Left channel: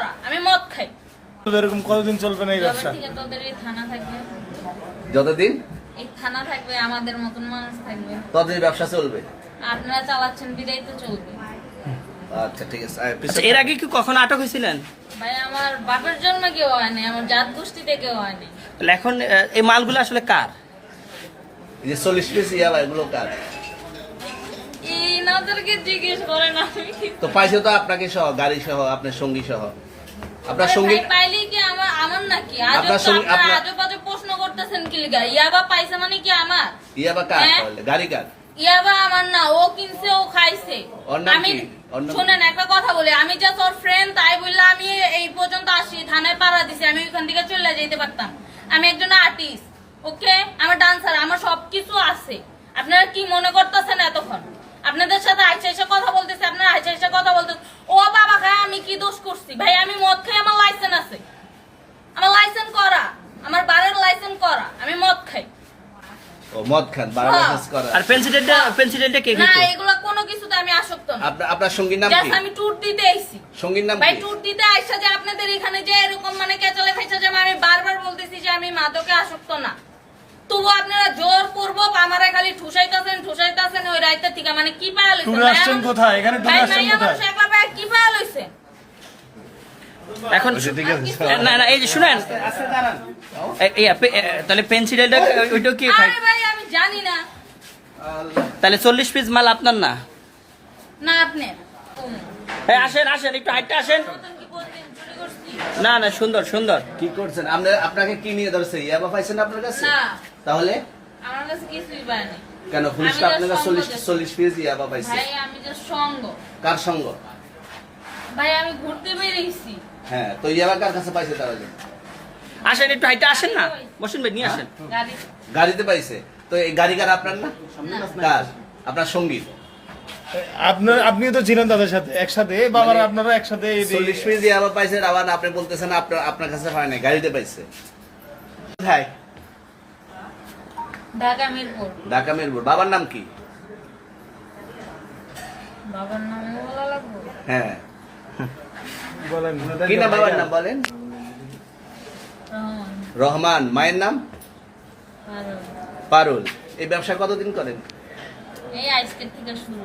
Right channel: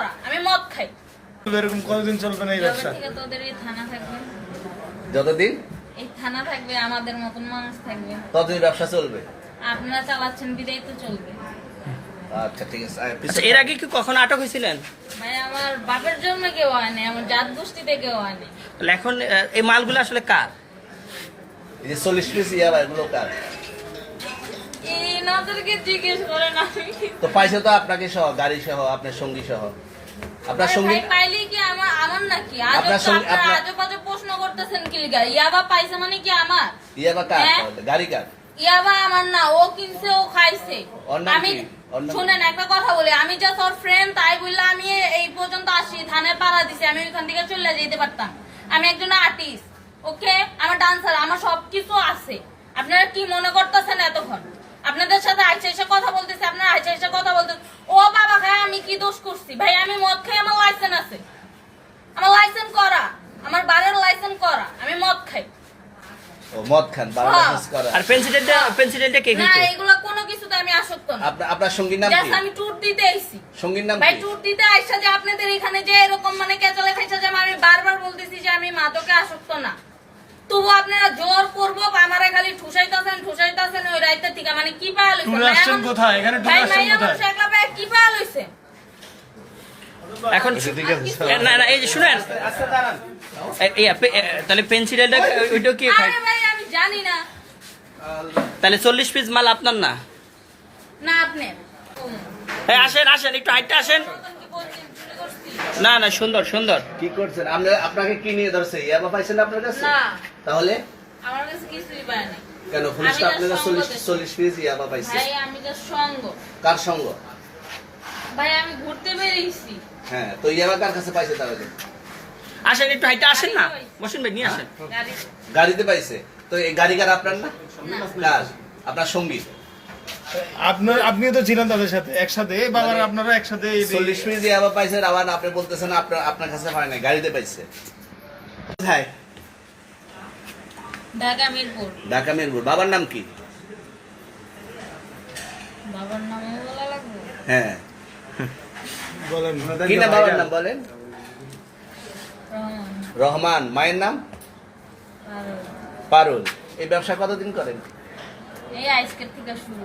করা, আমি মদ খাই। এরকম কতদিন চলবে না এই ব্যবসা? যবে থেকে তোদের এই থানা থাকবে, যতদিন এই থানা থাকবে, আমাদের মতন মানুষ থাকবে, ততদিন ব্যবসা চলবে। আপনারা চালাচ্ছেন বিদায় তো চলবে। আচ্ছা ঠিক আছে। আচ্ছা, এর আগে কি কখনো আটক হয়েছিলেন? ভাই আমার বাপের জন্য কেউ হয় নাই, আমার জাত গোষ্ঠীতে কেউ হয় নাই। তাহলে এখন এই মালগুলো আসলে কার? এই যে 40 পিস ইয়াবা এগুলো কার? এই নাদেরকে জিজ্ঞেস করেন। তো পাইছে তো আপনাকে সহ, গাড়ি সহ, আপনার সঙ্গী সহ। আপনার ভাই, সঙ্গী পাইলেই কি আমার নাকি? আপনার সঙ্গী- আপনারা আজব আজব প্রশ্ন করতেছেন কি লিগা? ইয়াবা পাইছে মানে কি আমার? ইয়াবা কার হ্যাঁ? তাহলে? গাড়ি কার? ইয়াবা আমার না, ও কিনছে, ও খাইছে। ওর নাম আমি কি? ওর নাম শুনেন একটা কথা বলি, আমি জাস্ট ওর ফ্রেন্ড, তাই বললে আমি এই পর্যন্ত আসি, থানায় পাড়া দিছি, আমি ওইখান থেকে চলে যেতে পারতাম। আমি একজন আর্টিস্ট, ওকে, আমার ডান্সার, আমার সবকিছু আছে। আপনারা কি মনে করতেছেন এতক্ষণ? আপনাদের সাথে আইসা এসে কথা বলতেছে, আপনারা আইসা এসে কথা বলতেছেন। ও বাবা খায়, আমি কি দোষ করছি? ভাই আমি মদ খাই, আমার লাইসেন্স আছে, আমার লাইসেন্স করা, আমার বারের লাইসেন্স করা, আমি মদ খাই। ও মদ খান, বাংলাদেশ করা। আর প্রেসিডেন্টটা কে না, খেতো? এগুলা কোনো কিছুতে আমি আসক্ত না। আপনার সঙ্গীর নাম Just কি? আমি ট্যুর দিতে আইছি। সঙ্গীর নাম ভাই কি? ট্যুর দিতে আইসা যে আপনাদের এখানে যে এরকম মানে কেচালে খাইছে, যে আমি বারবার বলতেছি যে আমি মাদকে আসক্ত না, তবু আপনারা জোর করবো, আমারা খালি ঠুসাইতাছেন ওই রাইতে থেকে। মানে কি পায়া লইছে? ট্যুরে আসছেন কোথায়? এখানে ট্যুরে ভাই আসছেন মাইয়া কোথায়? মানুষ একলা ভাই কি পায়া লইছে? এখন ঠিক আছে। না এই যে শুনেন, তাহলে প্রেসিডেন্টটা ওইটা কি খায়? আরে ভাই আমি জানি না। তাহলে 40 পিস মাল আপনার না? না আপনার। এই আসেন একটু হাইটটা আসেন। কি বলছেন, চুরি করছি? না সুন্দর। কি করছেন? আপনাকে কি নিয়ে ধরছে? ইয়াবা পাইছেন আপনার কাছে? না, তাহলে আমার কাছে কিছুই পায় না। কেন পুলিশ আমি আপনার just 40 পিস ইয়াবা পাইছে? ভাই আমি যে সঙ্গ, কার সঙ্গ? ভাই আমি ঘুরতে বেরিয়েছি। হ্যাঁ, তো ইয়াবা কার কাছে পাইছে তাহলে? আসেন একটু হাইটটা আসেন না, বসুন ভাই, নিয়ে আসেন। গাড়ি গাড়িতে পাইছে। তো এই গাড়ি কার আপনার না? কার? আপনার সঙ্গী। আপনিও তো ছিলেন তাদের সাথে একসাথে, বাবার মানে আপনারা একসাথে 40 পিস ইয়াবা পাইছে, আবার আপনি বলতেছেন আপনার কাছে পায় নাই, গাড়িতে পাইছে। কোথায়? ঢাকা মিরপুর। ঢাকা মিরপুর। বাবার নাম কি? বাবার নাম বলা লাগবে? হ্যাঁ, বলেন কি না বাবার নাম বলেন? রহমান। রহমান। মায়ের নাম? আর পারুল। এই ব্যবসা কতদিন করেন? এই আজকের থেকে শুরু।